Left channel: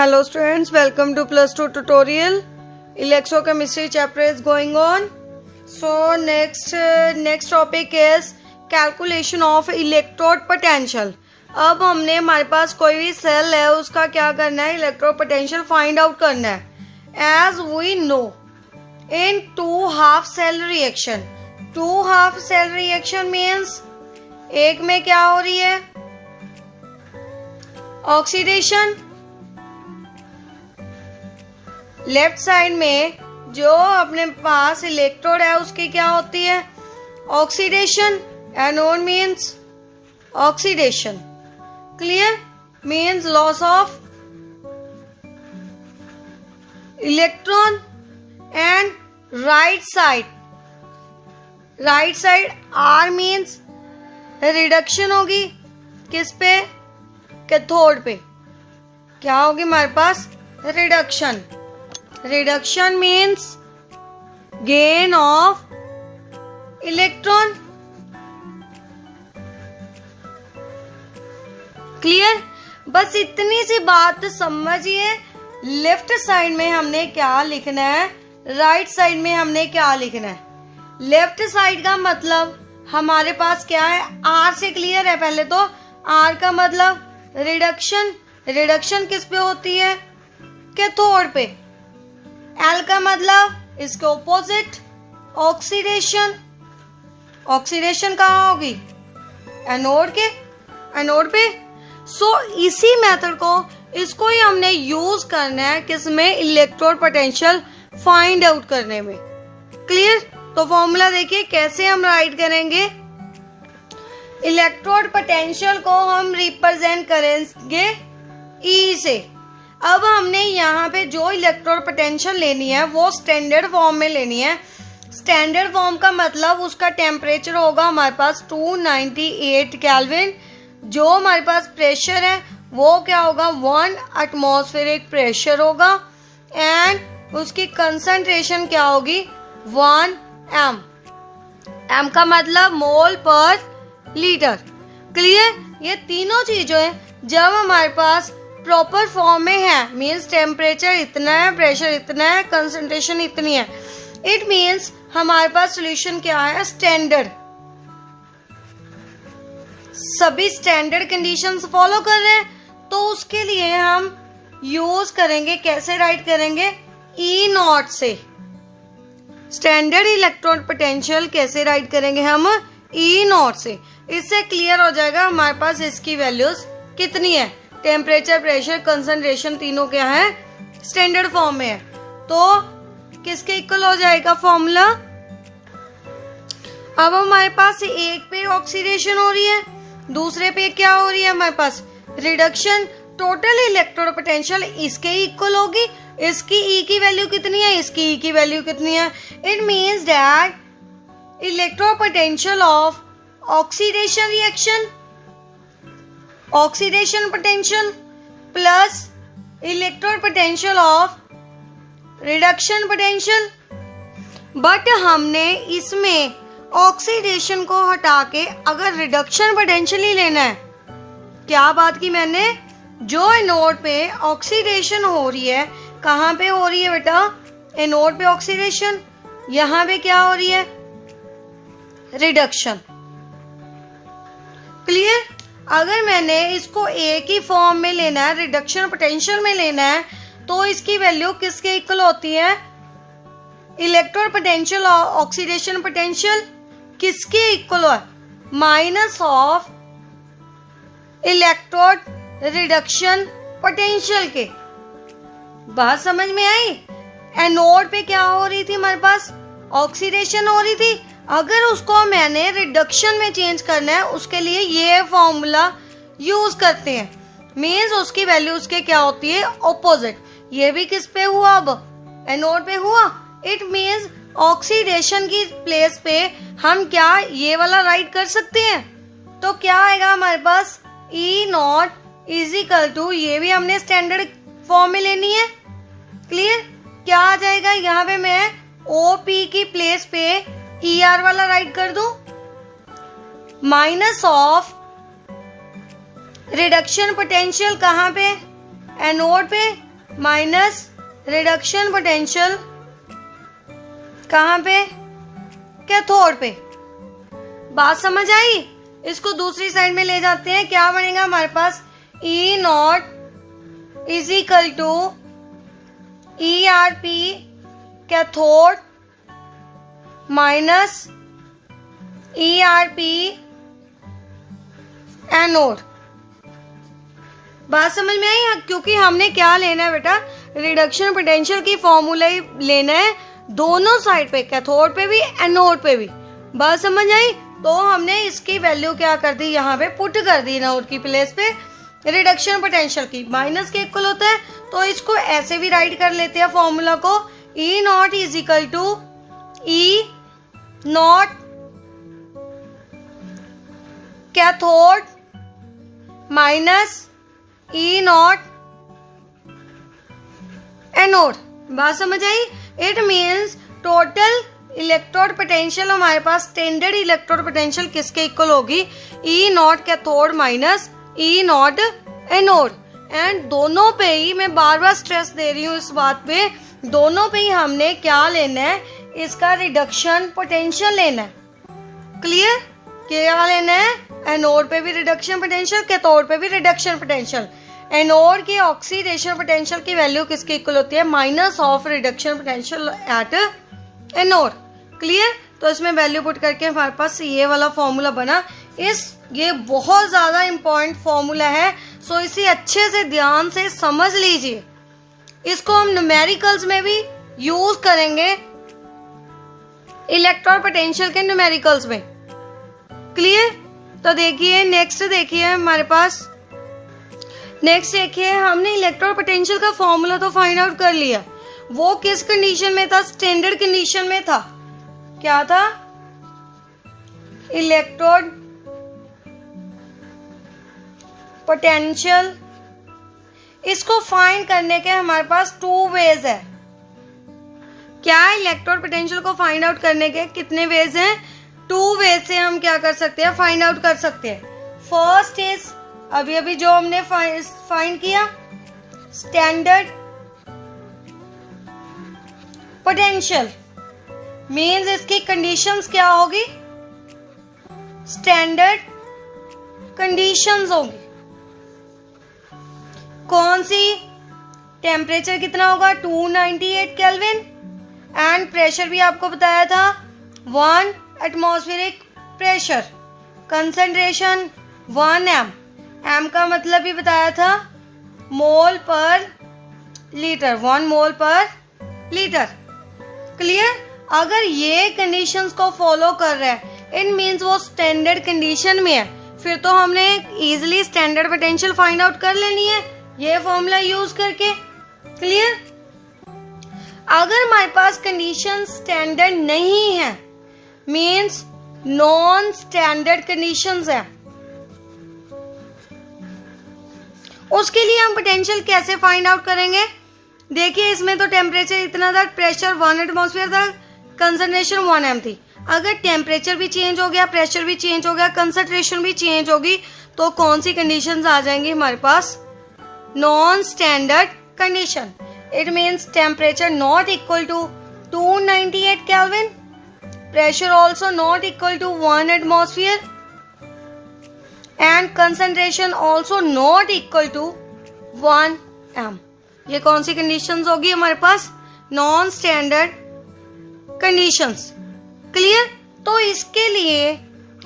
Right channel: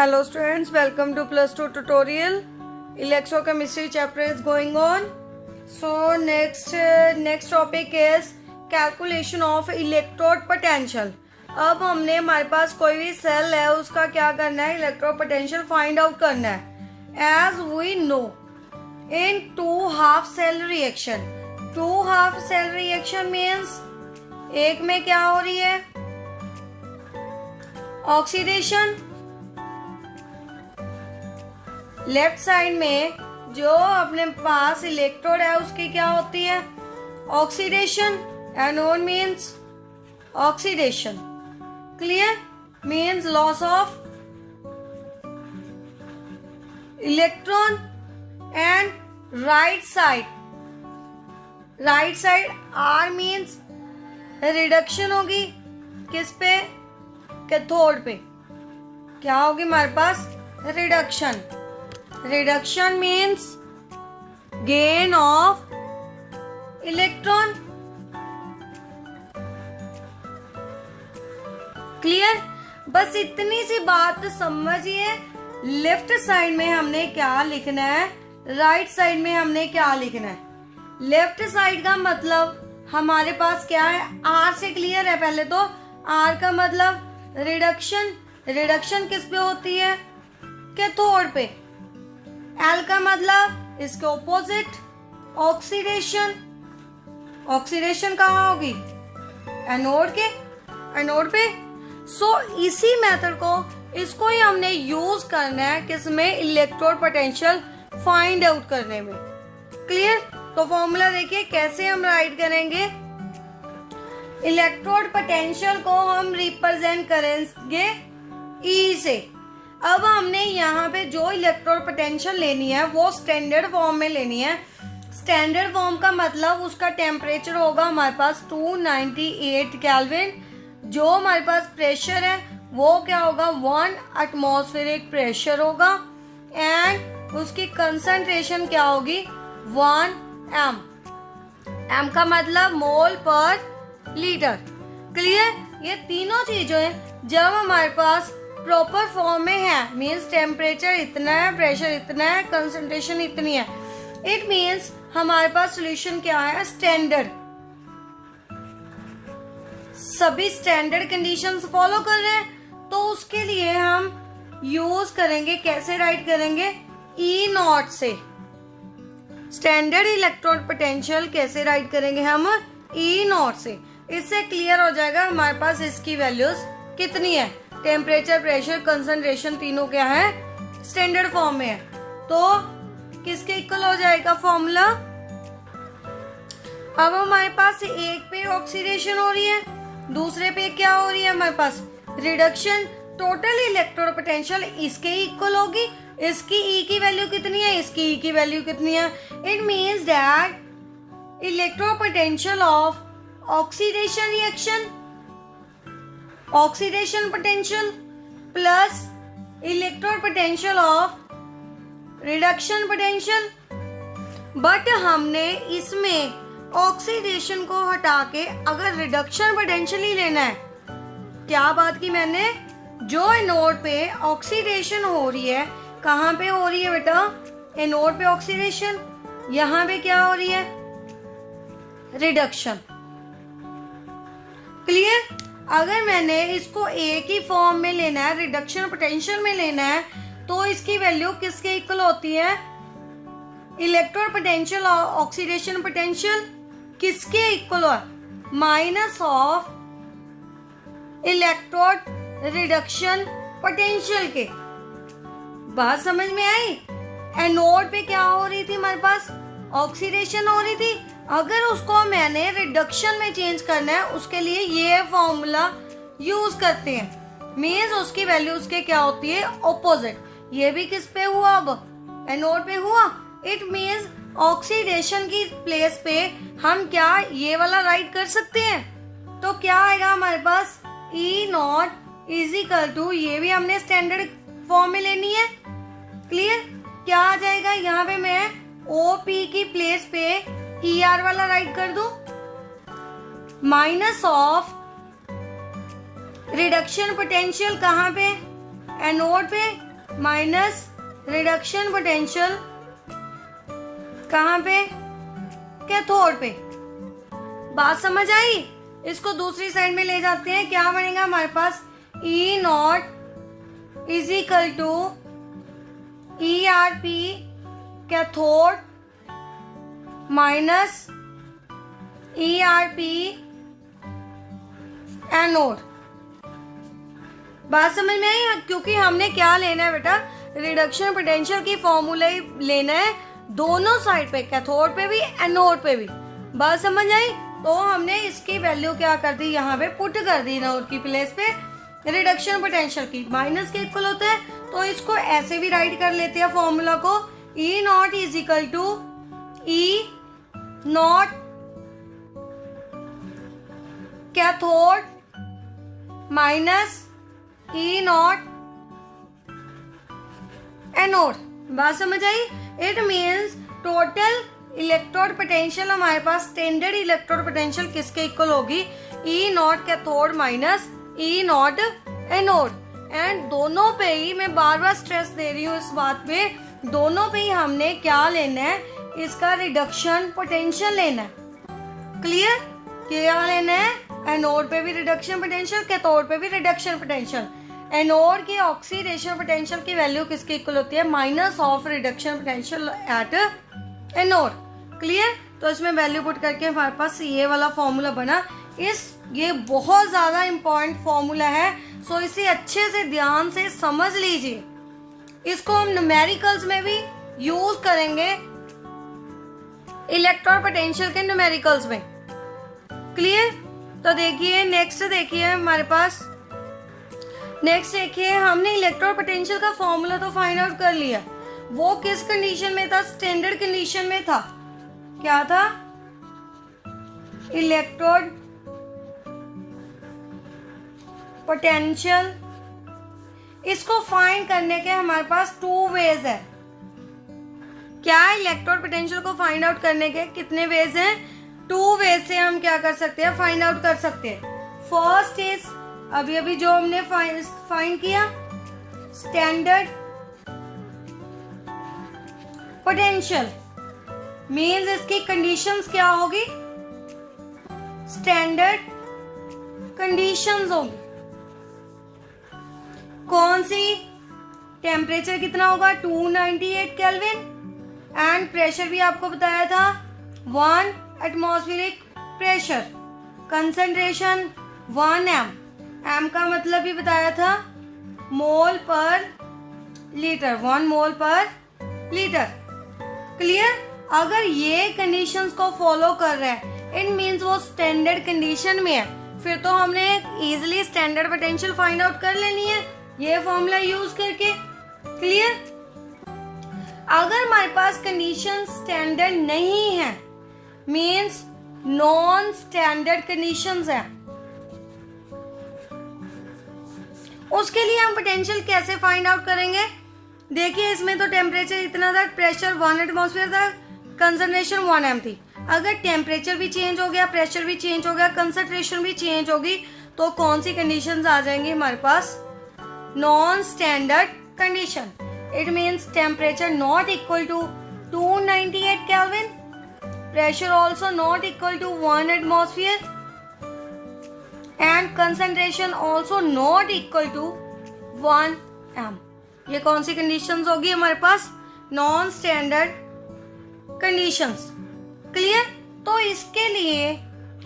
Hello students, welcome to plus 2 tutorial. Electrochemistry chapter is going on. So next topic is calculation of electrode potential. अब हमने हमारे पास कोई भी cell है उसका क्या करना है, इलेक्ट्रोड पोटेंशियल फाइंड आउट करना है. As we know in two half cell reaction means एक में क्या हो रही है, ऑक्सीडेशन. लेफ्ट साइड में जो अपने पास इलेक्ट्रोड है उसकी क्या होती है, oxidation. Anode means oxidation. Clear? Means loss of electron. And right side are means reduction होगी. किस पे? कैथोड पे. क्या होगी हमारे पास? Reduction. Reduction means gain of electron. Clear? बस इतनी सी बात समझिए. लेफ्ट साइड में हमने क्या लिखना है, राइट साइड में हमने क्या लिखना है. लेफ्ट साइड का मतलब हमारे पास क्या है, आर से क्लियर है. पहले तो आर का मतलब रिडक्शन. रिडक्शन किस पे होती है, कैथोड पे. एल का मतलब इसके ऑपोजिट ऑक्सीडेशन. ऑक्सीडेशन कहाँ होगी, एनोड पे. सो इसी मेथड को, इसको ही हमने यूज करना है किसमें, इलेक्ट्रोड पोटेंशियल फाइंड आउट करने में. क्लियर? तो फॉर्मूला देखिए कैसे हम राइट करेंगे. इलेक्ट्रोड पोटेंशियल को हम रिप्रेजेंट करेंगे ई से. अब हमने यहाँ पे जो इलेक्ट्रोड पोटेंशियल लेनी है वो स्टैंडर्ड फॉर्म में लेनी है. स्टैंडर्ड फॉर्म का मतलब उसका टेम्परेचर होगा हमारे पास 298 केल्विन. जो हमारे पास प्रेशर है वो क्या होगा, 1 एटमॉस्फेरिक प्रेशर होगा. एंड उसकी कंसंट्रेशन क्या होगी, 1 एम का मतलब मोल पर लीटर. क्लियर? ये तीनों चीजें हैं जब हमारे पास प्रॉपर फॉर्म में है, मीन्स टेम्परेचर इतना है, प्रेशर इतना है, कंसंट्रेशन इतनी है. इट मीन्स हमारे पास सॉल्यूशन क्या है, स्टैंडर्ड. सभी स्टैंडर्ड कंडीशंस फॉलो कर रहे हैं. तो उसके लिए हम यूज करेंगे, कैसे राइट करेंगे, ई नॉट से. स्टैंडर्ड इलेक्ट्रोड पोटेंशियल कैसे राइट करेंगे हम, ई नॉट से. इससे क्लियर हो जाएगा हमारे पास इसकी वैल्यूज कितनी है. टेम्परेचर, प्रेशर, कंसंट्रेशन तीनों क्या है, स्टैंडर्ड फॉर्म में है. तो किसके इक्वल हो जाएगा फॉर्मूला. अब हमारे पास एक पे ऑक्सीडेशन हो रही है, दूसरे पे क्या हो रही है हमारे पास, रिडक्शन. टोटल इलेक्ट्रोड पोटेंशियल इसके इक्वल होगी. इसकी ई की वैल्यू कितनी है, इसकी ई की वैल्यू कितनी है. It means that electrode potential of oxidation reaction, oxidation potential plus electrode potential of reduction potential. But हमने इसमें ऑक्सीडेशन को हटा के अगर रिडक्शन पोटेंशियल ही लेना है, क्या बात की मैंने, जो एनोड पे ऑक्सीडेशन हो रही है, कहाँ पे हो रही है बेटा, एनोड पे ऑक्सीडेशन, यहाँ पे क्या हो रही है, रिडक्शन. क्लियर? अगर मैंने इसको एक ही फॉर्म में लेना है, रिडक्शन पोटेंशियल में लेना है, तो इसकी वैल्यू किसके इक्वल होती है, इलेक्ट्रोड पोटेंशियल और ऑक्सीडेशन पोटेंशियल किसके इक्वल है, minus of electrode reduction potential के. बात समझ में आई? एनोड पे क्या हो रही थी हमारे पास, ऑक्सीडेशन हो रही थी. अगर उसको मैंने रिडक्शन में चेंज करना है, उसके लिए ये फॉर्मूला यूज करते हैं. मीन्स उसकी वैल्यू उसके क्या होती है, ऑपोजिट. ये भी किस पे हुआ, अब एनोड पे हुआ. इट मीन्स ऑक्सीडेशन की प्लेस पे हम क्या ये वाला राइट कर सकते हैं. तो क्या आएगा हमारे पास, E not is equal to, ये भी हमने स्टैंडर्ड फॉर्म में लेनी है. क्लियर? क्या आ जाएगा, यहाँ पे मैं ओपी की प्लेस पे ई आर वाला राइट कर दूं, माइनस ऑफ रिडक्शन पोटेंशियल कहाँ पे, एनोड पे, माइनस रिडक्शन पोटेंशियल कहाँ पे, कैथोड पे। बात समझ आई? इसको दूसरी साइड में ले जाते हैं, क्या बनेगा हमारे पास, E not is equal to E R P cathode minus E R P anode. बात समझ में आई? क्योंकि हमने क्या लेना है बेटा, रिडक्शन पोटेंशियल की फॉर्मूला ही लेना है दोनों साइड पे, कैथोड पे भी एनोड पे भी। बात समझ आई? तो हमने इसकी वैल्यू क्या कर दी, यहाँ पे पुट कर दी एनोड की प्लेस पे, रिडक्शन पोटेंशियल की माइनस के इक्वल होता है, तो इसको ऐसे भी राइट कर लेते हैं फॉर्मूला को, E not is equal to E not cathode minus E not anode. बात समझ आई? It means total electrode potential हमारे पास, स्टैंडर्ड इलेक्ट्रोड पोटेंशियल किसके इक्वल होगी, E not cathode minus E not anode. And दोनों पे ही मैं बार बार स्ट्रेस दे रही हूँ इस बात पे, दोनों पे ही हमने क्या लेना है, इसका रिडक्शन पोटेंशियल लेना है। क्लियर? क्या लेना है, एनोड पे भी रिडक्शन पोटेंशियल, कैथोड पे भी रिडक्शन पोटेंशियल। एनोड की ऑक्सीडेशन पोटेंशियल की वैल्यू किसके इक्वल होती है, minus of reduction potential at anode. Clear? तो इसमें वैल्यू पुट करके हमारे पास ये वाला फॉर्मूला बना। ये बहुत ज्यादा इंपॉर्टेंट फॉर्मूला है, सो इसे अच्छे से ध्यान से समझ लीजिए। इसको हम न्यूमेरिकल्स में भी यूज करेंगे, इलेक्ट्रॉन पोटेंशियल के न्यूमेरिकल्स में। क्लियर? तो देखिए नेक्स्ट, देखिए हमारे पास नेक्स्ट देखिए, हमने इलेक्ट्रॉन पोटेंशियल का फॉर्मूला तो फाइंड आउट कर लिया। वो किस कंडीशन में था, स्टैंडर्ड कंडीशन में था। क्या था, इलेक्ट्रोड पोटेंशियल। इसको फाइंड करने के हमारे पास टू वेज है। क्या, इलेक्ट्रोड पोटेंशियल को फाइंड आउट करने के कितने वेज हैं, टू वेज से हम क्या कर सकते हैं, फाइंड आउट कर सकते हैं। फर्स्ट इज अभी अभी जो हमने फाइंड किया, स्टैंडर्ड पोटेंशियल मींस इसकी कंडीशंस क्या होगी, स्टैंडर्ड कंडीशंस होगी। कौन सी, टेम्परेचर कितना होगा 298 केल्विन, एंड प्रेशर भी आपको बताया था 1 एटमॉस्फेरिक प्रेशर, कंसंट्रेशन 1 एम का मतलब भी बताया था मोल पर लीटर, 1 मोल पर लीटर। क्लियर? अगर ये कंडीशंस को फॉलो कर रहा है, इट मींस वो स्टैंडर्ड कंडीशन में है, फिर तो हमने easily standard potential find out कर लेनी है ये फॉर्मूला यूज करके। क्लियर? अगर हमारे पास कंडीशन स्टैंडर्ड नहीं है, मींस नॉन स्टैंडर्ड कंडीशंस है, उसके लिए हम पोटेंशियल कैसे फाइंड आउट करेंगे। देखिए इसमें तो टेम्परेचर इतना था, प्रेशर 1 एटमॉस्फेयर था, कंसंट्रेशन 1 एम थी। अगर टेम्परेचर भी चेंज हो गया, प्रेशर भी चेंज हो गया, कंसंट्रेशन भी चेंज होगी, तो कौन सी कंडीशंस आ जाएंगी हमारे पास, non standard condition. It means temperature not equal to 298 kelvin, pressure also not equal to 1 atmosphere, and concentration also not equal to 1 M. ये कौन सी कंडीशंस होगी हमारे पास, नॉन स्टैंडर्ड कंडीशंस। क्लियर? तो इसके लिए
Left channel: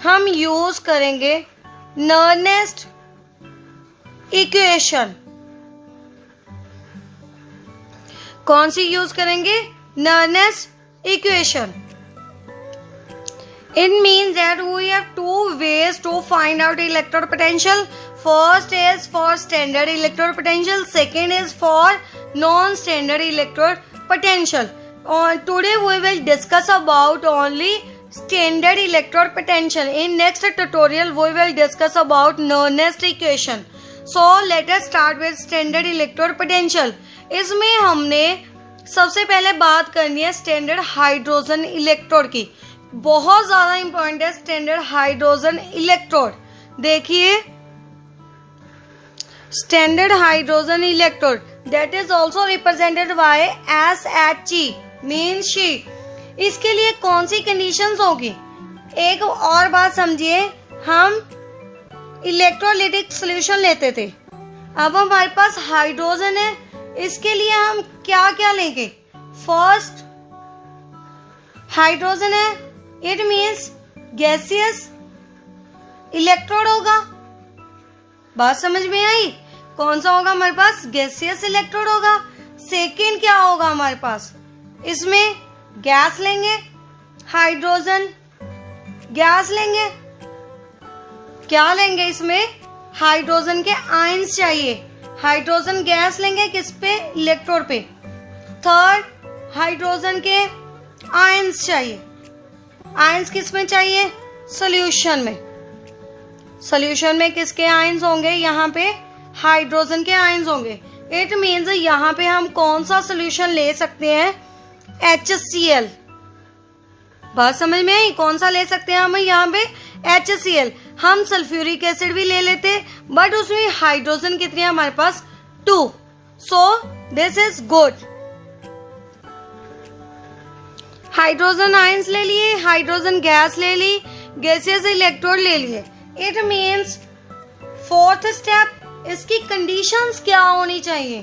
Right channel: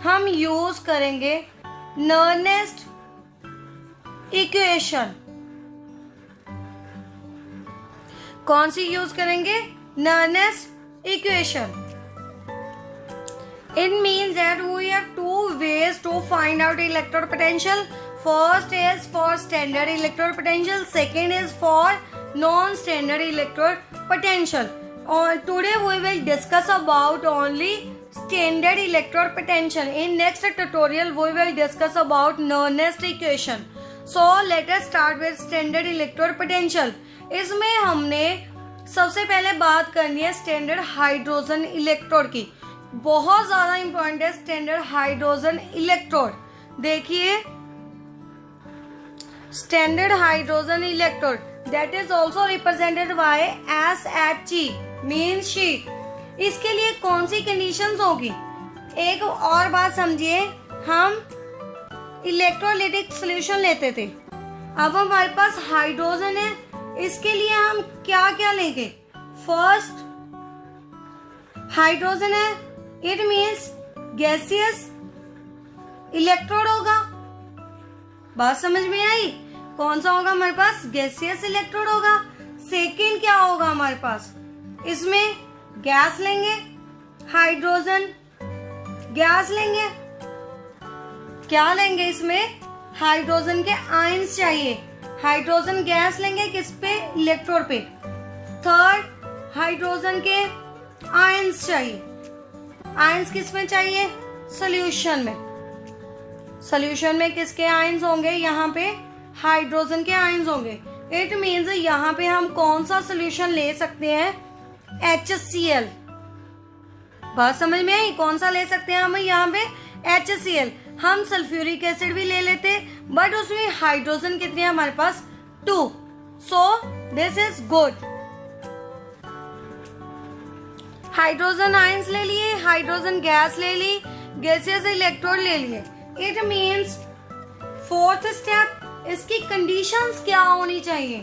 हम यूज करेंगे नर्नेस्ट इक्वेशन। कौन सी यूज करेंगे, नर्नेस्ट equation. It means that we have two ways to find out electrode potential. First is for standard electrode potential. Second is for non-standard electrode potential. Today we will discuss about only standard electrode potential. In next tutorial we will discuss about Nernst equation. So let us start with standard electrode potential. इसमें हमने सबसे पहले बात करनी है standard hydrogen electrode की। बहुत ज्यादा इंपॉर्टेंट है स्टैंडर्ड हाइड्रोजन इलेक्ट्रोड। देखिए standard hydrogen electrode that is also represented by SHE means she। इसके लिए कौन सी कंडीशंस होगी? एक और बात समझिए, हम इलेक्ट्रोलाइटिक सॉल्यूशन लेते थे, अब हमारे पास हाइड्रोजन है, इसके लिए हम क्या क्या लेंगे? फर्स्ट हाइड्रोजन है, इट मीन्स गैसियस इलेक्ट्रोड होगा। बात समझ में आई? कौन सा होगा हमारे पास? गैसियस इलेक्ट्रोड होगा। सेकेंड क्या होगा हमारे पास? इसमें गैस लेंगे, हाइड्रोजन गैस लेंगे। क्या लेंगे इसमें? हाइड्रोजन के आयंस चाहिए। हाइड्रोजन गैस लेंगे किस पे? इलेक्ट्रोड पे। थर्ड हाइड्रोजन के आयंस चाहिए। आयंस किस में चाहिए? सॉल्यूशन में। सॉल्यूशन में किसके आयंस होंगे? यहाँ पे हाइड्रोजन के आयंस होंगे। इट मीन्स यहाँ पे हम कौन सा सॉल्यूशन ले सकते हैं? HCl। बात समझ में आई? कौन सा ले सकते हैं हम यहाँ पे? HCl। हम सल्फ्यूरिक एसिड भी ले लेते, बट उसमें हाइड्रोजन कितने हैं हमारे पास? 2। So this is good. Hydrogen ions ले लिए, हाइड्रोजन गैस ले ली, गैसियस इलेक्ट्रोड ले लिए। इट मीन्स फोर्थ स्टेप, इसकी कंडीशंस क्या होनी चाहिए?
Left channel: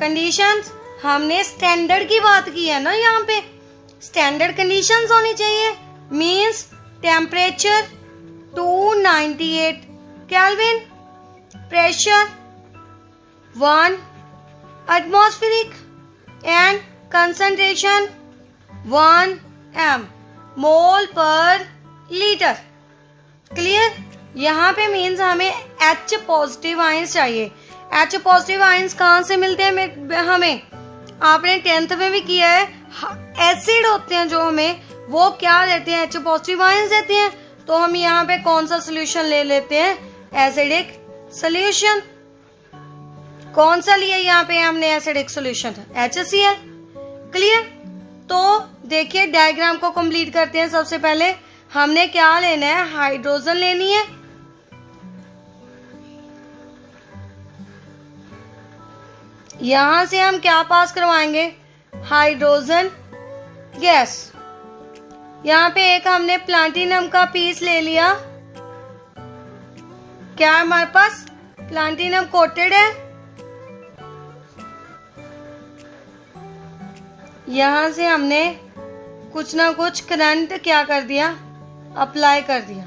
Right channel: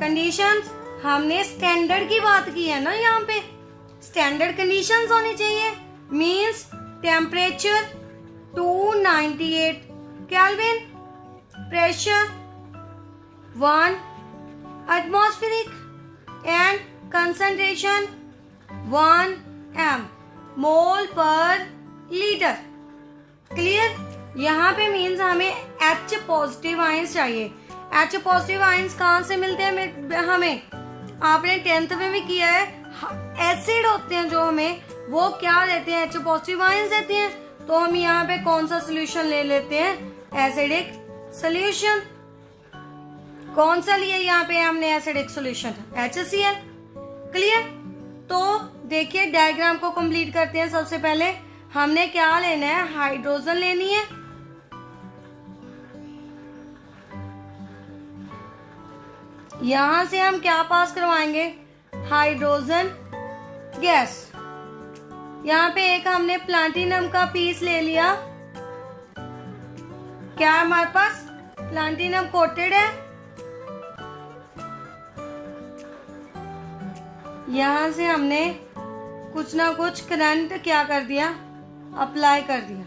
कंडीशंस हमने स्टैंडर्ड की बात की है ना, यहाँ पे स्टैंडर्ड कंडीशंस होनी चाहिए। Means temperature 298 kelvin, pressure 1 atmospheric and concentration 1 m मोल पर लीटर। क्लियर? यहाँ पे मीन्स हमें H पॉजिटिव आयंस चाहिए। H पॉजिटिव आयंस कहाँ से मिलते हैं हमें? आपने 10th में भी किया है। एसिड होते हैं जो हमें, वो क्या देते हैं? H पॉजिटिव आयंस देते हैं। तो हम यहाँ पे कौन सा सोल्यूशन ले लेते हैं? Acidic solution. कौन सा लिया यहाँ पे हमने एसिडिक सोल्यूशन? HCl। क्लियर? तो देखिए डायग्राम को कंप्लीट करते हैं। सबसे पहले हमने क्या लेना है? हाइड्रोजन लेनी है। यहां से हम क्या पास करवाएंगे? Hydrogen gas. यहाँ पे एक हमने प्लाटिनम का पीस ले लिया। क्या हमारे पास प्लाटिनम कोटेड है? यहां से हमने कुछ ना कुछ करंट क्या कर दिया? अप्लाई कर दिया।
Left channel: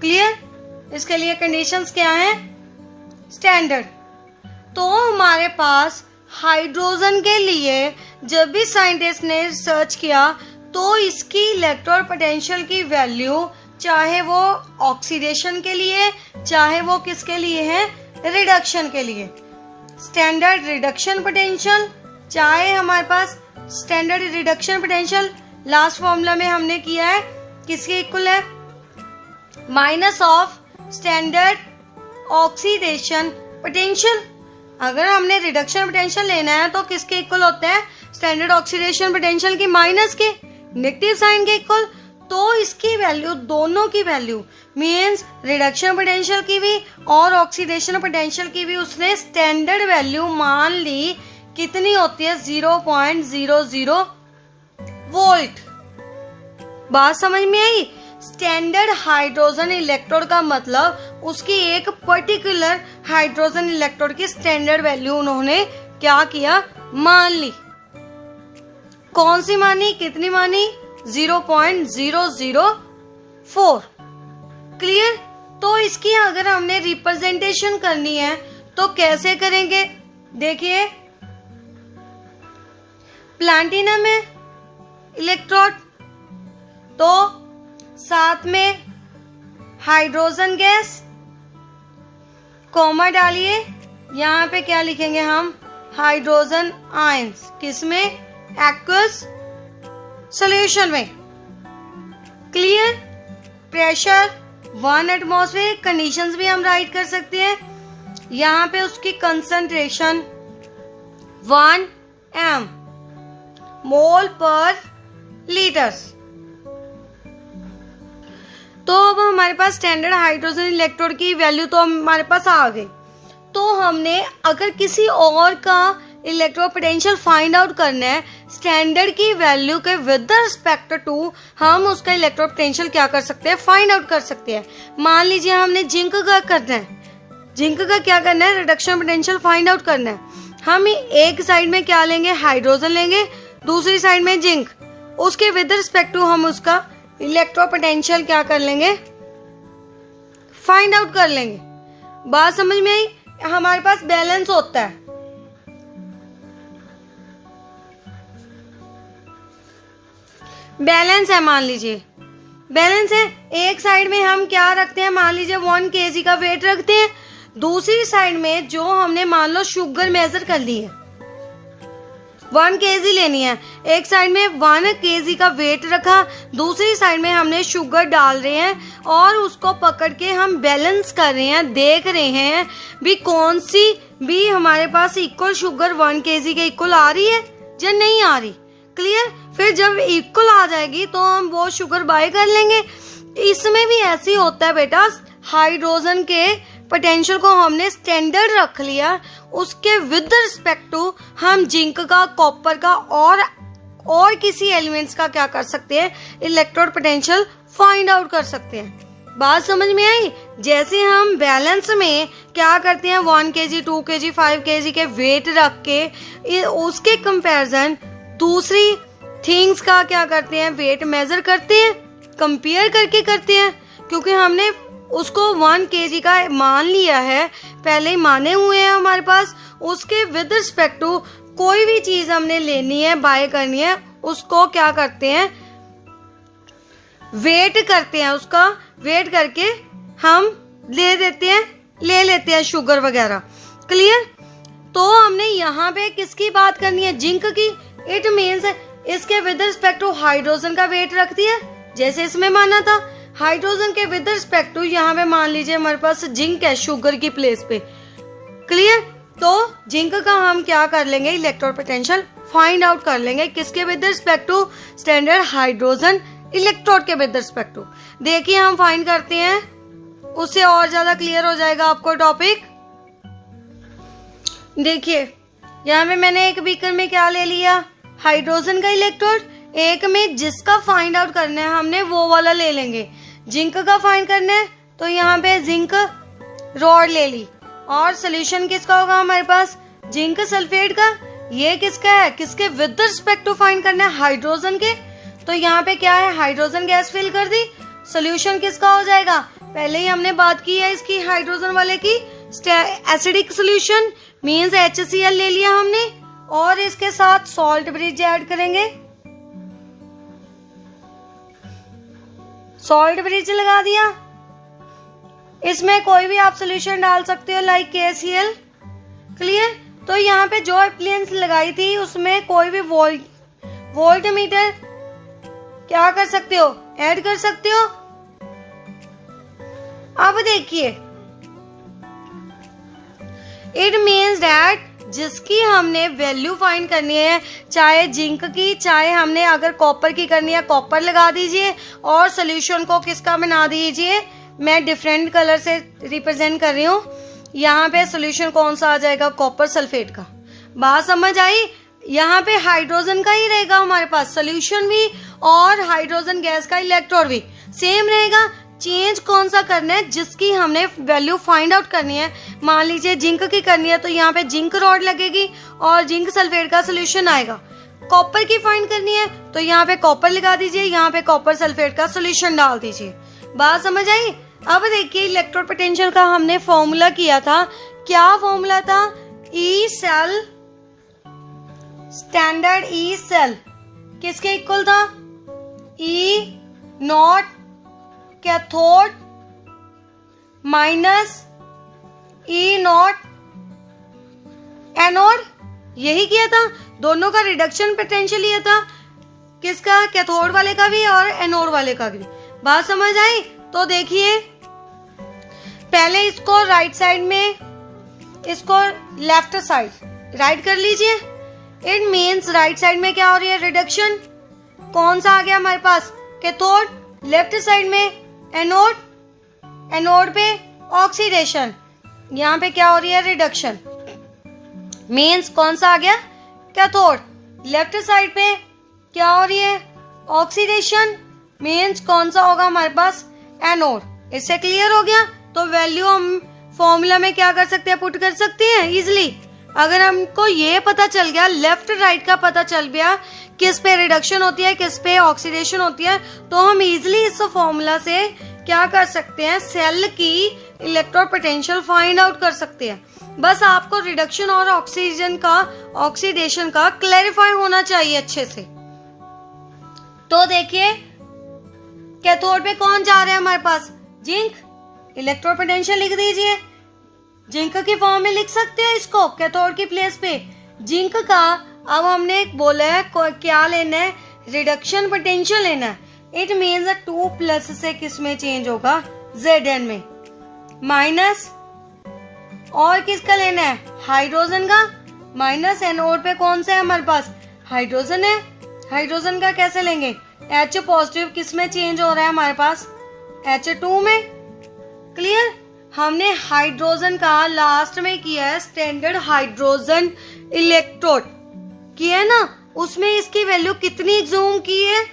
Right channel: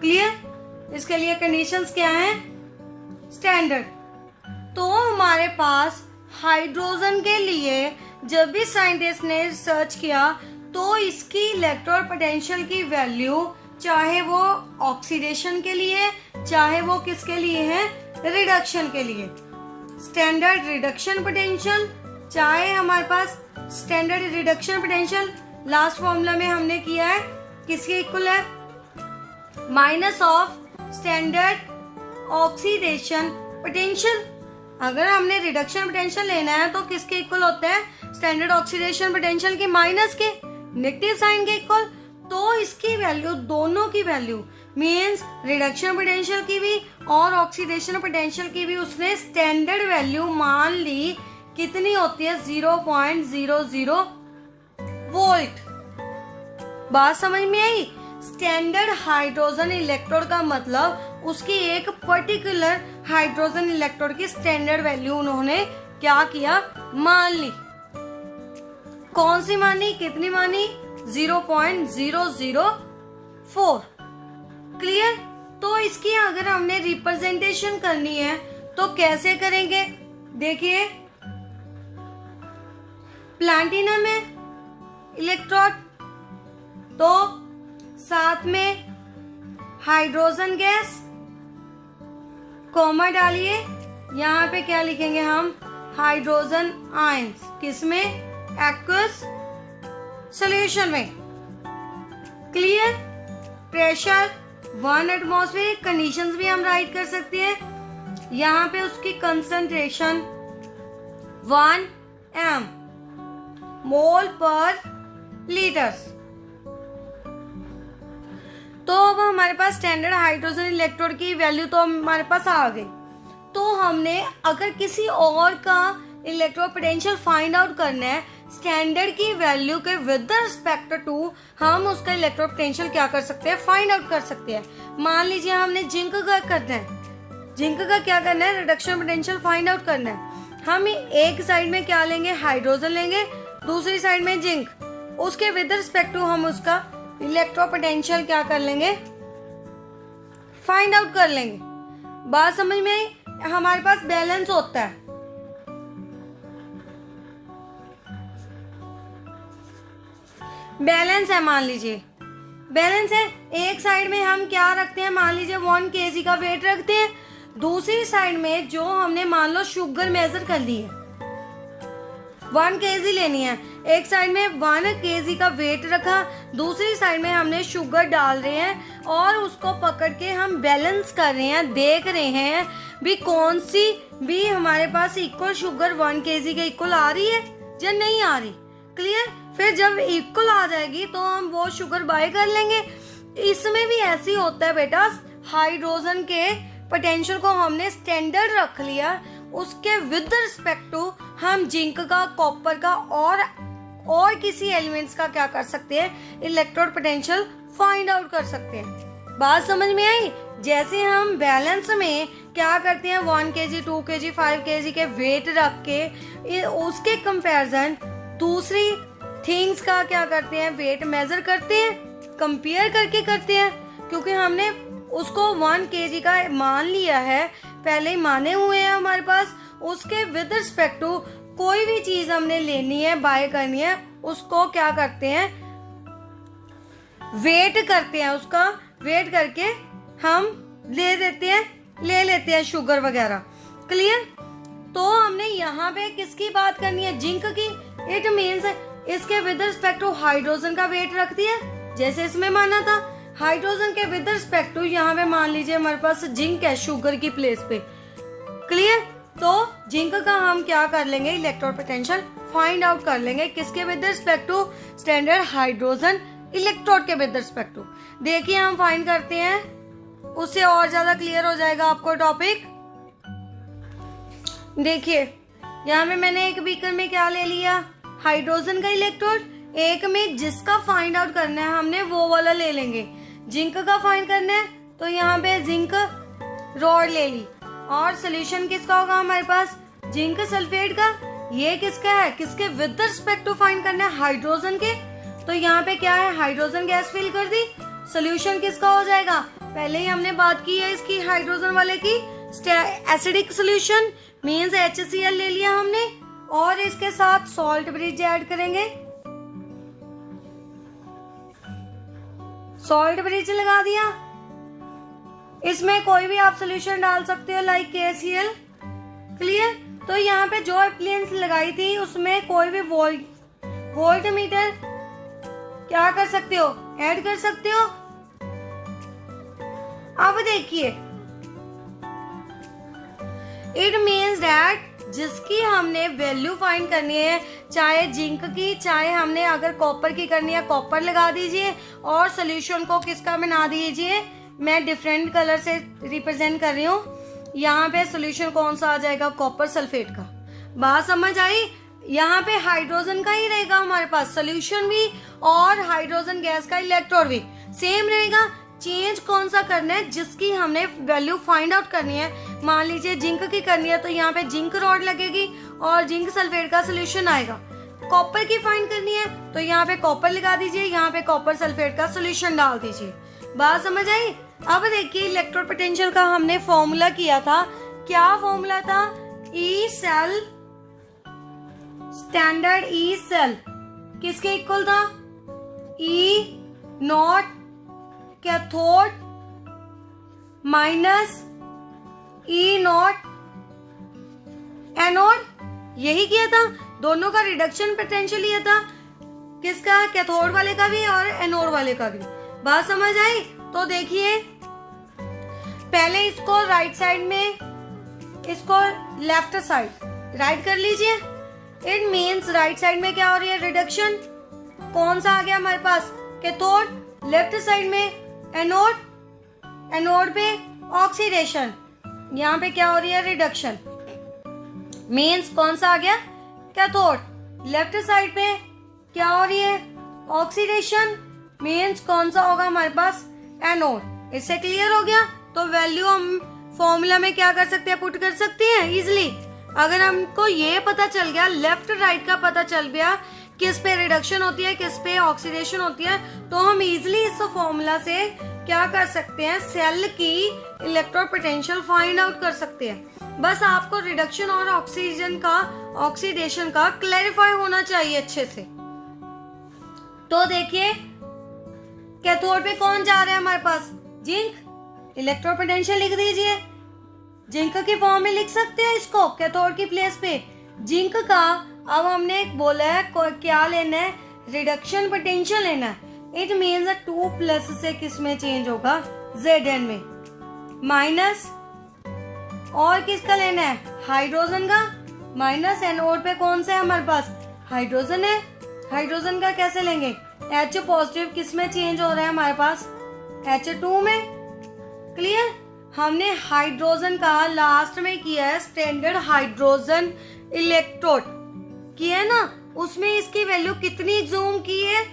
क्लियर? इसके लिए कंडीशंस क्या हैं? स्टैंडर्ड। तो हमारे पास हाइड्रोजन के लिए जब भी साइंटिस्ट ने सर्च किया तो इसकी इलेक्ट्रोड पोटेंशियल की वैल्यू, चाहे वो ऑक्सीडेशन के लिए, चाहे वो किसके लिए है? रिडक्शन के लिए। स्टैंडर्ड रिडक्शन पोटेंशियल, चाहे हमारे पास standard reduction potential last formula में हमने किया है किसके इक्वल है? Minus of standard oxidation potential. अगर हमने रिडक्शन पोटेंशियल लेना है तो किसके इक्वल होता है? स्टैंडर्ड ऑक्सीडेशन पोटेंशियल की माइनस के, नेगेटिव साइन के इक्वल। तो इसकी वैल्यू, दोनों की वैल्यू मींस रिडक्शन पोटेंशियल की भी और ऑक्सीडेशन पोटेंशियल की भी उसने स्टैंडर्ड वैल्यू मान ली। कितनी होती है? 0.00 वोल्ट। बात समझ में आई? स्टैंडर्ड हाइड्रोजन इलेक्ट्रोड का मतलब उसकी एक पर्टिकुलर हाइड्रोजन इलेक्ट्रोड की स्टैंडर्ड वैल्यू उन्होंने क्या किया? मान ली। कौन सी मानी? कितनी मानी? 0.004। क्लियर? तो इसकी अगर हमने रिप्रेजेंटेशन करनी है तो कैसे करेंगे? देखिए प्लाटिनम है इलेक्ट्रोड, तो साथ में हाइड्रोजन गैस, कॉमा डालिए। यहाँ पे क्या लिखेंगे हम? Hydrogen ions. किसमें? एक्वस सॉल्यूशन में। क्लियर? Pressure 1 atmosphere. कंडीशंस भी हम राइट कर सकते हैं। यहाँ पे उसकी कंसंट्रेशन 1 m मोल पर लीटर्स। तो अब हमारे पास स्टैंडर्ड हाइड्रोजन इलेक्ट्रोड की वैल्यू तो हमारे पास आ गई। तो हमने अगर किसी और का इलेक्ट्रोपोटेंशियल फाइंड आउट करना है स्टैंडर्ड की वैल्यू के विद रिस्पेक्ट टू, हम उसका इलेक्ट्रोपोटेंशियल क्या कर सकते हैं, फाइंड आउट कर सकते हैं। मान लीजिए हमने जिंक का करना है, जिंक का क्या करना है, रिडक्शन पोटेंशियल फाइंड आउट करना है। हम एक साइड में क्या लेंगे, हाइड्रोजन लेंगे, दूसरी साइड में जिंक, उसके विद रिस्पेक्ट टू हम उसका इलेक्ट्रोपोटेंशियल क्या कर लेंगे, फाइंड आउट कर लेंगे। बात समझ में आई? हमारे पास बैलेंस होता है, बैलेंस है, मान लीजिए बैलेंस है। एक साइड में हम क्या रखते हैं, मान लीजिए 1 kg का वेट रखते हैं, दूसरी साइड में जो हमने मान लो शुगर मेजर कर ली है 1 kg लेनी है, एक साइड में 1 kg का वेट रखा, दूसरी साइड में हमने शुगर डाल रहे हैं और उसको पकड़ के हम बैलेंस कर रहे हैं, देख रहे हैं भी कौन सी भी हमारे पास इक्वल शुगर 1 kg के इक्वल आ रही है या नहीं आ रही। क्लियर? फिर जब इक्वल आ जाएगी तो हम वो शुगर बाय कर लेंगे। इसमें भी ऐसे ही होता है बेटा, हाइड्रोजन के पोटेंशियल को हमने स्टैंडर्ड रख लिया, उसके विद रिस्पेक्ट टू हम जिंक का, कॉपर का और किसी एलिमेंट्स का क्या कर सकते हैं, इलेक्ट्रोड पोटेंशियल फाइंड आउट कर सकते हैं। बात समझ में आई? जैसे हम बैलेंस में क्या करते हैं, 1 kg 2 kg 5 kg के वेट रख के उसके कंपैरिजन दूसरी थिंग्स का क्या करते हैं, वेट मेजर करते हैं, कंपेयर करके करते हैं, क्योंकि हमने उसको 1 kg का मान लिया है, पहले ही माने हुए हैं हमारे पास। उसके विद रिस्पेक्ट टू कोई भी चीज हमने लेनी है, बाय करनी है, उसको क्या करते हैं, वेट करते हैं, उसका वेट करके हम ले लेते हैं शुगर वगैरह। क्लियर? तो हमने यहाँ पे किसकी बात करनी है, जिंक की। इट मीन्स इसके विद रिस्पेक्ट टू हाइड्रोजन का वेट रखती है, जैसे इसमें माना था। हाइड्रोजन के विद रिस्पेक्ट टू यहाँ पे मान लीजिए हमारे पास जिंक है शुगर की प्लेस पे। क्लियर? तो जिंक का हम क्या कर लेंगे, इलेक्ट्रोड पोटेंशियल फाइंड आउट कर लेंगे, किसके with respect to, standard hydrogen electrode के विद रिस्पेक्ट टू। देखिए हम फाइंड करते हैं, उससे और ज्यादा क्लियर हो जाएगा आपको टॉपिक। देखिए यहाँ पे मैंने एक बीकर में क्या ले लिया, हाइड्रोजन का इलेक्ट्रोड, एक में जिसका फाइंड आउट करना है हमने वो वाला ले लेंगे। जिंक का फाइंड करना है तो यहाँ पे जिंक रॉड ले ली, और सोल्यूशन किसका होगा हमारे पास, जिंक सल्फेट का। ये किसका है, किसके विद रिस्पेक्ट टू फाइंड करना है, हाइड्रोजन के। तो यहाँ पे क्या है, हाइड्रोजन गैस फिल कर दी, सोल्यूशन किसका हो जाएगा, पहले ही हमने बात की है इसकी हाइड्रोजन वाले की, एसिडिक सोल्यूशन मींस HCl ले लिया हमने, और इसके साथ सॉल्ट ब्रिज ऐड करेंगे, सॉल्ट ब्रिज लगा दिया। इसमें कोई भी आप सोल्यूशन डाल सकते हो लाइक KCl। क्लियर? तो यहाँ पे जो एप्लियंस लगाई थी उसमें कोई भी वोल्ट मीटर क्या कर सकते हो, ऐड कर सकते हो। अब देखिए, इट मीन्स दैट जिसकी हमने वैल्यू फाइंड करनी है, चाहे जिंक की, चाहे हमने अगर कॉपर की करनी है कॉपर लगा दीजिए, और सोल्यूशन को किसका बना दीजिए, मैं डिफरेंट कलर से रिप्रेजेंट कर रही हूँ। यहाँ पे सोल्यूशन कौन सा आ जाएगा, कॉपर सल्फेट का। बात समझ आई? यहाँ पे हाइड्रोजन का ही रहेगा हमारे पास, सोल्यूशन भी और हाइड्रोजन गैस का इलेक्ट्रोड भी सेम रहेगा। चेंज कौन सा करना है, जिसकी हमने वैल्यू फाइंड आउट करनी है। मान लीजिए जिंक की करनी है तो यहाँ पे जिंक रॉड लगेगी और जिंक सल्फेट का सोल्यूशन आएगा। कॉपर की फाइंड करनी है तो यहाँ पे कॉपर लगा दीजिए, यहाँ पे कॉपर सल्फेट का सोल्यूशन डाल दीजिए। बात समझ आई? अब देखिए इलेक्ट्रोड पोटेंशियल का हमने फॉर्मूला किया था, क्या फॉर्मूला था, E cell, standard E cell किसके इक्वल था, E not cathode minus E not anode. यही किया था, दोनों का रिडक्शन पोटेंशियल लिया था, किसका, कैथोड वाले का भी और एनोड वाले का भी। बात समझ आई? तो देखिए पहले इसको राइट साइड में, इसको लेफ्ट साइड राइट कर लीजिए। इट मीन्स राइट साइड में क्या हो रही है, रिडक्शन। कौन सा आ गया हमारे पास, कैथोड। लेफ्ट साइड में एनोड, एनोड पे ऑक्सीडेशन। यहाँ पे क्या हो रही है, रिडक्शन, मीन्स कौन सा आ गया, कैथोड। लेफ्ट साइड पे क्या हो रही है, ऑक्सीडेशन, मीन्स कौन सा होगा हमारे पास, एनोड। इससे क्लियर हो गया। तो वैल्यू हम फॉर्मूला में क्या कर सकते हैं, पुट कर सकते हैं इजिली। अगर हमको ये पता चल गया, लेफ्ट राइट का पता चल गया, किस पे रिडक्शन होती है, किस पे ऑक्सीडेशन होती है, तो हम इजिली इस फॉर्मूला से क्या कर सकते हैं, सेल की इलेक्ट्रोड पोटेंशियल फाइंड आउट कर सकते हैं। बस आपको रिडक्शन और ऑक्सीडेशन का क्लैरिफाई होना चाहिए अच्छे से। तो देखिए कैथोड पे कौन जा रहा है हमारे पास, जिंक। इलेक्ट्रोड पोटेंशियल लिख दीजिए, जिंक की फॉर्म में लिख सकते हैं इसको कैथोड की प्लेस पे, जिंक का। अब हमने बोला है क्या लेना है, रिडक्शन पोटेंशियल लेना है। इट मीन्स 2+ से किस में चेंज होगा, Zn में, माइनस और किसका लेना है, हाइड्रोजन का। माइनस एनोड पे कौन सा है हमारे पास, हाइड्रोजन है। हाइड्रोजन का कैसे लेंगे, H पॉजिटिव किस में चेंज हो रहा है हमारे पास, H2 में। क्लियर। हमने हाइड्रोजन का लास्ट में किया है स्टैंडर्ड हाइड्रोजन इलेक्ट्रोड किया है ना, उसमें इसकी वैल्यू कितनी जूम की है,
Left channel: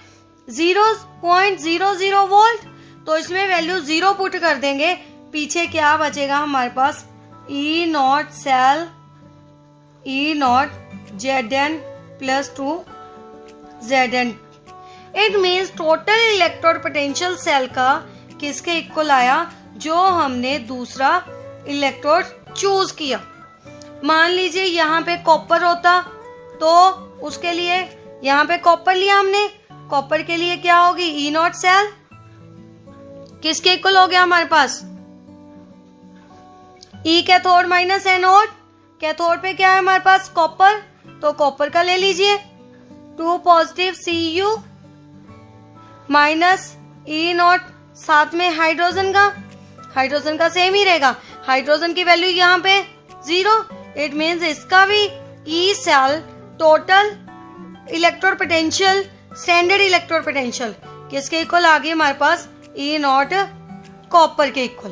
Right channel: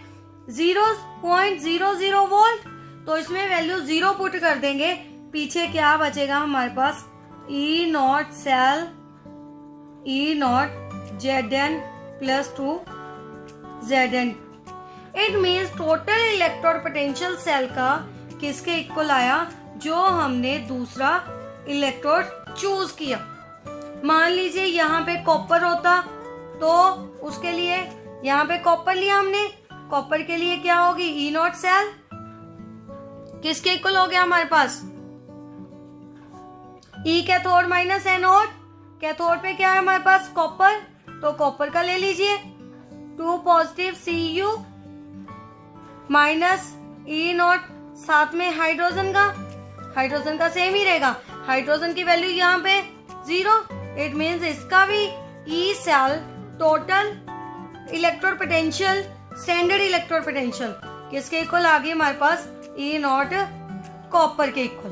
0.00 वोल्ट। तो इसमें वैल्यू 0 पुट कर देंगे, पीछे क्या बचेगा हमारे पास, E0 cell, E0 Zn + 2 Zn। It means total electrode potential cell का किसके इक्वल आया, जो हमने दूसरा इलेक्ट्रोड चूज किया। मान लीजिए यहाँ पे कॉपर होता तो उसके लिए यहाँ पे कॉपर लिया हमने, कॉपर के लिए क्या होगी, E0 सेल किसके इक्वल हो गया हमारे पास, E cathode minus anode. Cathode पे क्या है हमारे पास, कॉपर, तो कॉपर का ले लीजिए, 2 पॉजिटिव Cu माइनस E0, साथ में हाइड्रोजन का, हाइड्रोजन का सेम ही रहेगा। हाइड्रोजन की वैल्यू यहाँ पे 0। इट मीन्स इसका भी E cell total electrode potential, standard electrode potential किसके इक्वल आ गई हमारे पास, E0 कॉपर के इक्वल।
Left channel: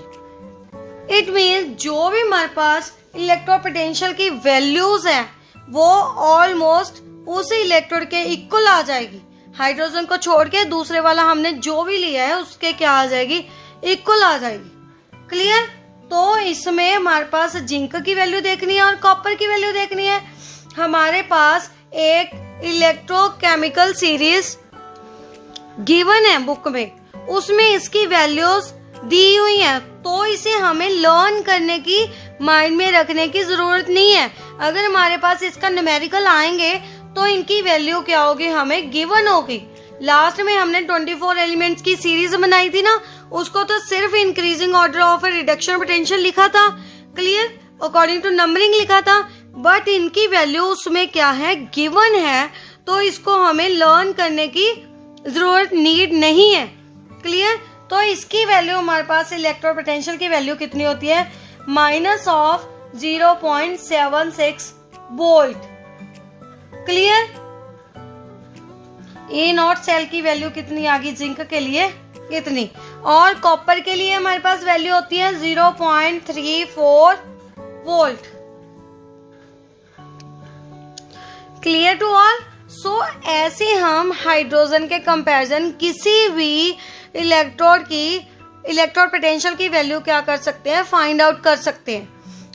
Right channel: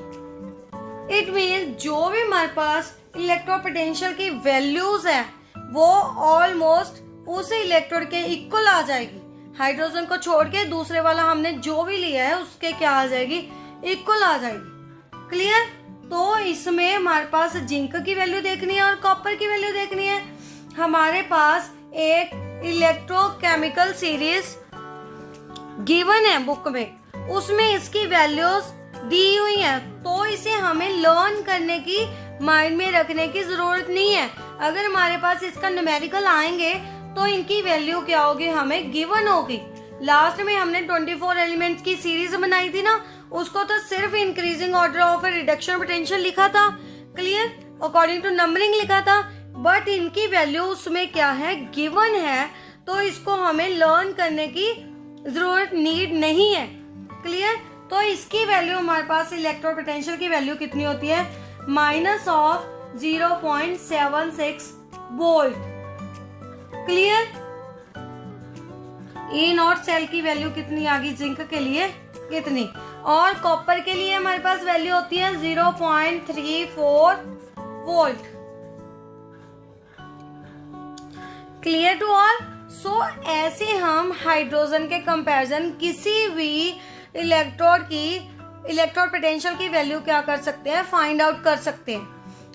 इट मीन्स जो भी हमारे पास इलेक्ट्रोड पोटेंशियल की वैल्यूज हैं वो ऑलमोस्ट उस इलेक्ट्रोड के इक्वल आ जाएगी। हाइड्रोजन को छोड़ के दूसरे वाला हमने जो भी लिया है उसके क्या आ जाएगी, इक्वल आ जाएगी। क्लियर। तो इसमें हमारे पास जिंक की वैल्यू देखनी है और कॉपर की वैल्यू देखनी है। हमारे पास एक इलेक्ट्रोकेमिकल सीरीज गिवन है बुक में, उसमें इसकी वैल्यूज दी हुई हैं, तो इसे हमें लर्न करने की, माइंड में रखने की जरूरत नहीं है। अगर हमारे पास इसका न्यूमेरिकल आएंगे तो इनकी वैल्यू क्या होगी, हमें गिवन होगी। लास्ट में हमने 24 एलिमेंट्स की सीरीज बनाई थी ना, उसको तो सिर्फ increasing order of reduction potential लिखा था, क्लियर, अकॉर्डिंग टू नंबरिंग लिखा था, बट इनकी वैल्यू उसमें क्या है, गिवन है, तो इसको हमें लर्न करने की जरूरत, नीड नहीं है। क्लियर। तो इसकी वैल्यू हमारे पास इलेक्ट्रोड पोटेंशियल की वैल्यू कितनी होती है, -0.76 वोल्ट। क्लियर। E0 सेल की वैल्यू कितनी आ गई, जिंक के लिए कितनी, और कॉपर के लिए हमारे पास वैल्यू होती है 0.34 volt. Clear to all. So ऐसे हम हाइड्रोजन के कंपैरिजन किसी भी इलेक्ट्रोड की इलेक्ट्रोड पोटेंशियल की वैल्यू क्या कर सकते हैं, फाइंड आउट कर सकते हैं।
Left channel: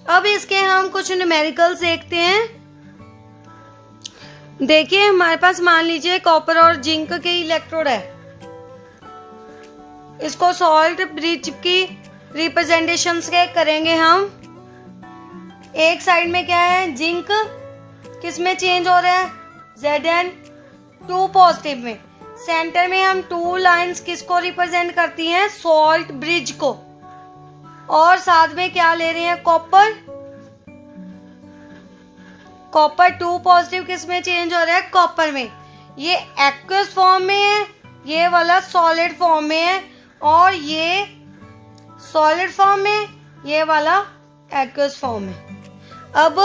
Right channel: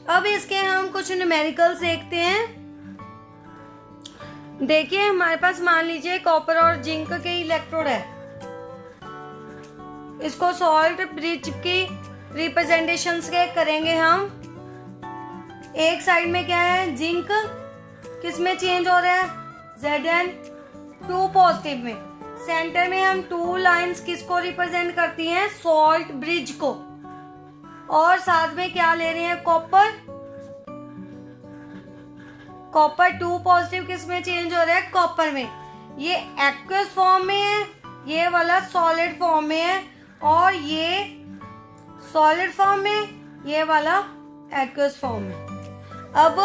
अब इसके हम कुछ न्यूमेरिकल्स देखते हैं। देखिए हमारे पास मान लीजिए कॉपर और जिंक के इलेक्ट्रोड है, इसको सॉल्ट ब्रिज की रिप्रेजेंटेशंस के करेंगे हम। एक साइड में क्या है, जिंक किस में चेंज हो रहा है, Zn 2 पॉजिटिव में। सेंटर में हम 2 लाइंस किसको रिप्रेजेंट करती हैं, सॉल्ट ब्रिज को, और साथ में क्या ले रही है, कॉपर। कॉपर 2 पॉजिटिव किस में चेंज हो रहा है, कॉपर में। ये एक्वस फॉर्म में है, ये वाला सॉलिड फॉर्म में है, और ये सॉलिड फॉर्म में, ये वाला एक्वस फॉर्म में। अब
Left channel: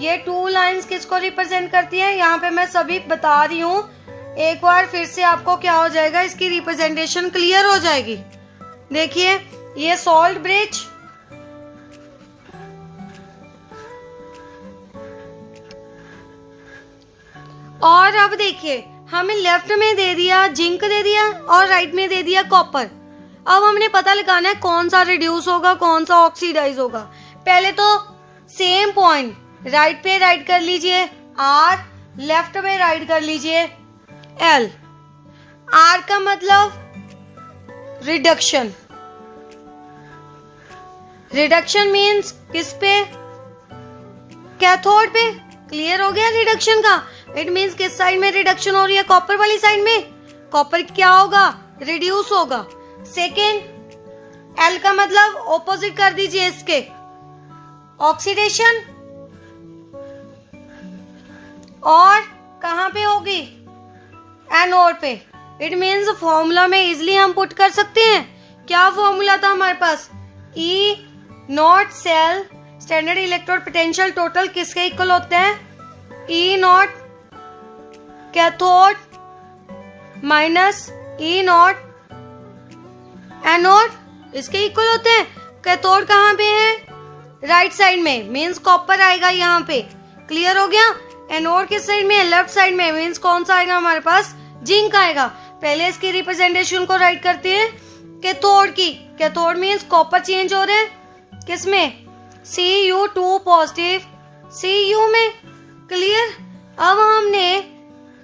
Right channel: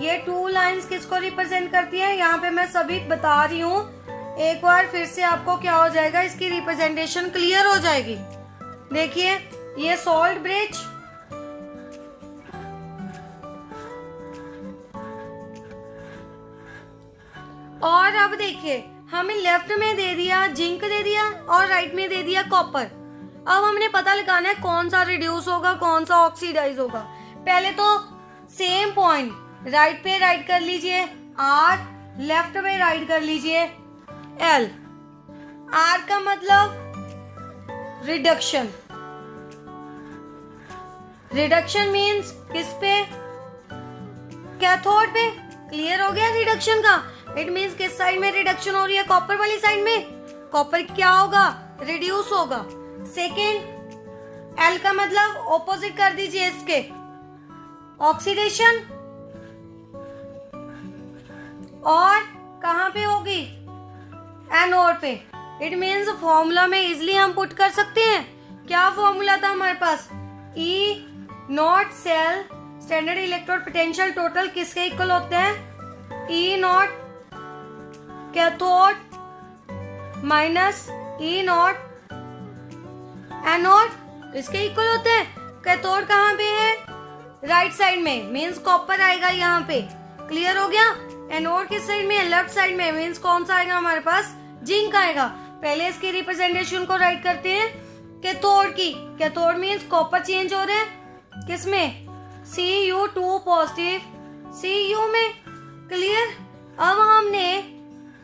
ये 2 लाइंस किसको रिप्रेजेंट करती है, यहाँ पे मैं सभी बता रही हूँ, एक बार फिर से आपको क्या हो जाएगा, इसकी रिप्रेजेंटेशन क्लियर हो जाएगी। देखिए ये सॉल्ट ब्रिज, और अब देखिए हमें लेफ्ट में दे दिया जिंक दे दिया और राइट में दे दिया कॉपर। अब हमने पता लगाना है कौन सा रिड्यूस होगा कौन सा ऑक्सीडाइज होगा। पहले तो सेम पॉइंट राइट पे राइट कर लीजिए R, लेफ्ट पे राइट कर लीजिए L। R का मतलब रिडक्शन, रिडक्शन मीन्स किस पे, कैथोड पे। क्लियर हो गया रिडक्शन का। इट मीन्स किस साइड में रिडक्शन हो रही है, कॉपर वाली साइड में। कॉपर क्या होगा, रिड्यूस होगा। सेकेंड L का मतलब ऑपोजिट कर दीजिए इसके, ऑक्सीडेशन। और कहां पे होगी, एनोड पे। इट मीन्स फॉर्मूला में इजिली हम पुट कर सकते हैं। क्या फॉर्मूला था हमारे पास, E not cell standard electrode potential total किसके इक्वल होते हैं, E not cathode minus E not anode, इसके इक्वल होते हैं। कैथोड कहाँ पे है, राइट साइड में, मीन्स कॉपर आएगा यहाँ पे। क्लियर हो गया। एनोड किस साइड में है, लेफ्ट साइड में, मीन्स कौन सा आएगा हमारे पास, जिंक आएगा। पहले इसकी रिप्रेजेंटेशन को राइट करते हैं कैथोड की। कैथोड मीन्स कॉपर चेंज हो रहे हैं किसमें, Cu2 पॉजिटिव Cu में। क्लियर। अब हमने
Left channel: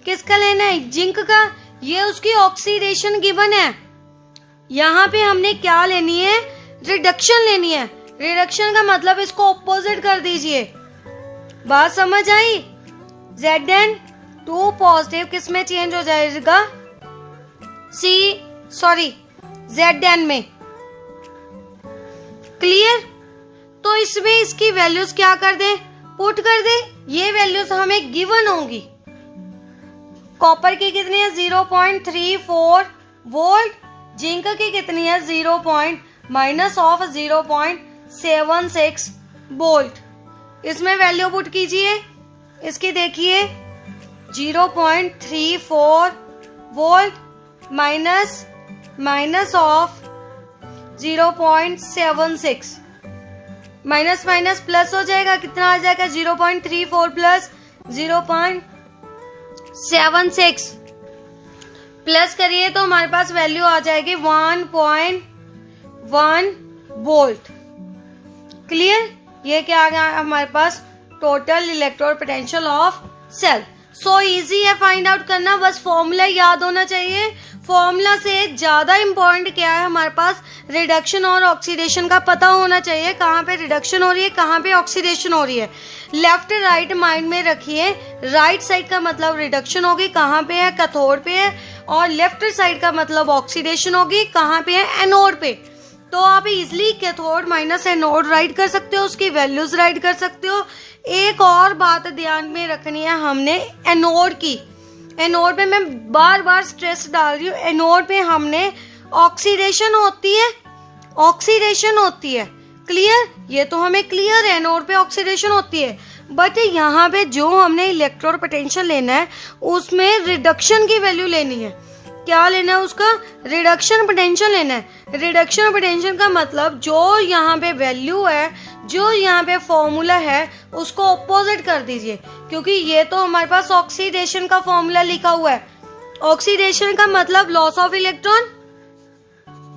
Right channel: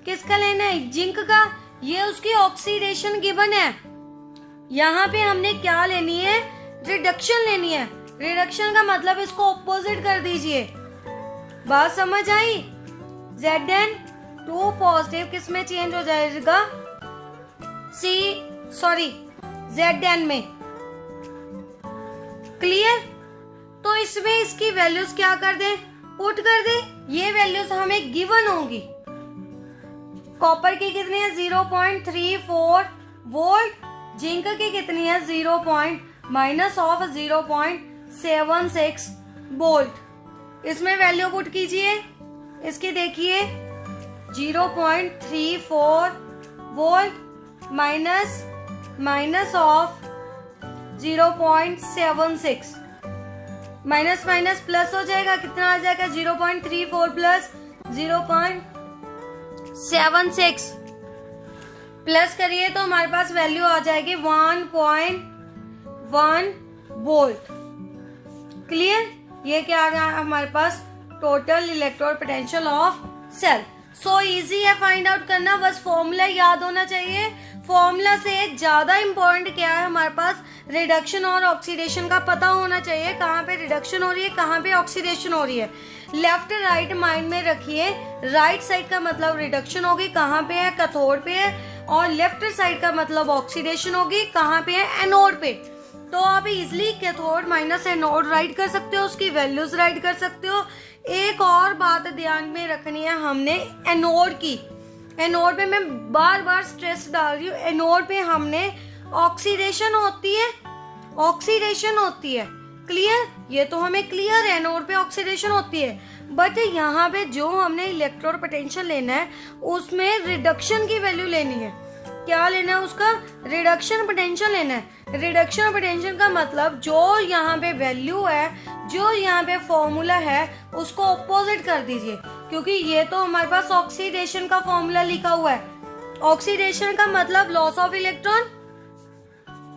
किसका लेना है, जिंक का। ये उसकी ऑक्सीडेशन गिवन है। यहाँ पे हमने क्या लेनी है, रिडक्शन लेनी है। रिडक्शन का मतलब इसको ऑपोजिट कर दीजिए। बात समझ आई। Zn2 पॉजिटिव किस में चेंज हो जाएगा, Zn में। क्लियर। तो इसमें इसकी वैल्यूज क्या कर दे, पुट कर दे। ये वैल्यूज हमें गिवन होंगी। कॉपर की कितनी है 0.34 वोल्ट, जिंक की कितनी है 0.-0.76 वोल्ट। इसमें वैल्यू पुट कीजिए। इसकी देखिए 0.34 volt minus of 0.76, minus minus plus हो जाएगा। कितना आ जाएगा, 0.34 प्लस 0.76 प्लस करिए तो हमारे पास वैल्यू आ जाएगी 1.1 वोल्ट। क्लियर। ये क्या आ गया हमारे पास, total electrode potential of cell. So easy है फाइंड आउट करना, बस फॉर्मूला याद होना चाहिए। फॉर्मूला से ज्यादा इंपॉर्टेंट क्या है हमारे पास, रिडक्शन और ऑक्सीडेशन का पता होना चाहिए। कहाँ पे रिडक्शन हो रही है, कहाँ पे ऑक्सीडेशन हो रही है। लेफ्ट राइट माइंड में रखिए। राइट साइड का मतलब रिडक्शन होगी, कहाँ पे है, कैथोड पे है। और लेफ्ट साइड का मतलब ऑक्सीडेशन होगी, कहाँ पे है, एनोड पे। तो आप easily cathode minus anode right कर सकते हो, उसकी वैल्यूज राइट कर सकते हो। एक और बात ध्यान में रखनी है हमने एनोड की। एनोड पे मैं बार बार स्ट्रेस डाल रही हूँ, एनोड पे हमने ऑक्सीडेशन होती है, ऑक्सीडेशन होती है। क्लियर। ये तो हमें क्लियर है, एनोड पे ऑक्सीडेशन होती है। बट यहाँ पे जो हमने इलेक्ट्रोड पोटेंशियल लेना है उसमें रिडक्शन की वैल्यू लेनी है। क्या लेना है उसका, रिडक्शन पोटेंशियल लेना है। रिडक्शन पोटेंशियल का मतलब जो यहाँ पे वैल्यू है, जो यहाँ पे फॉर्मूला है, उसको ऑपोजिट कर दीजिए। क्योंकि ये तो हमारे पास ऑक्सीडेशन का फॉर्मूला लिखा हुआ है। ऑक्सीडेशन का मतलब लॉस ऑफ इलेक्ट्रॉन,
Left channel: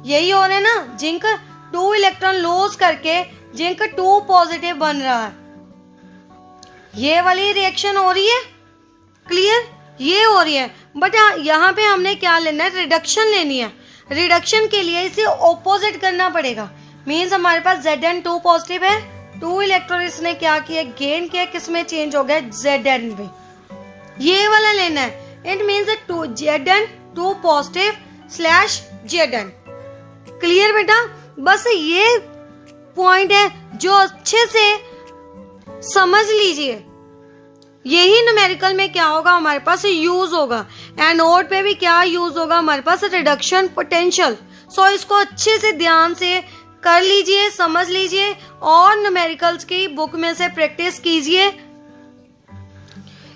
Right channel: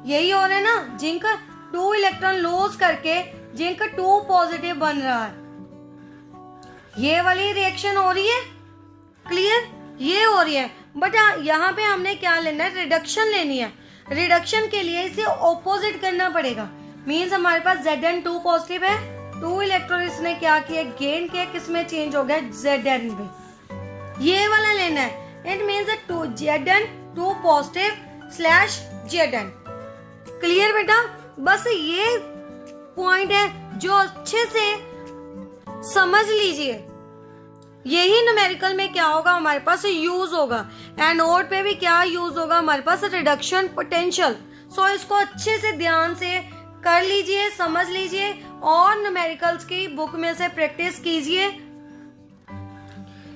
यही हो रहा है ना। जिंक 2 इलेक्ट्रॉन लॉस करके जिंक 2 पॉजिटिव बन रहा है, ये वाली रिएक्शन हो रही है। क्लियर। ये हो रही है। बट यहाँ पे हमने क्या लेना है, रिडक्शन लेनी है। रिडक्शन के लिए इसे ऑपोजिट करना पड़ेगा। मीन्स हमारे पास Zn2 पॉजिटिव है, 2 इलेक्ट्रॉन इसने क्या किया, गेन किया, किसमें चेंज हो गया, Zn में। ये वाला लेना है। It means Zn2 positive slash Zn। Clear बेटा। बस ये पॉइंट है जो अच्छे से समझ लीजिए। यही न्यूमेरिकल में क्या होगा हमारे पास यूज होगा। एनोड पे भी क्या यूज होगा हमारे पास, रिडक्शन पोटेंशियल। सो इसको अच्छे से ध्यान से कर लीजिए, समझ लीजिए और न्यूमेरिकल्स की बुक में से प्रैक्टिस कीजिए।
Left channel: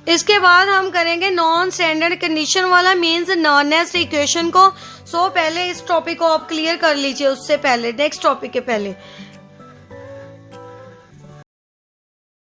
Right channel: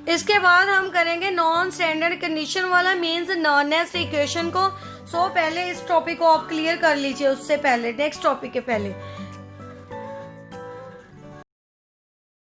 इसके बाद हम करेंगे नॉन स्टैंडर्ड कंडीशन वाला, मींस नॉनेस्ट इक्वेशन को। सो पहले इस टॉपिक को आप क्लियर कर लीजिए, उससे पहले नेक्स्ट टॉपिक के पहले।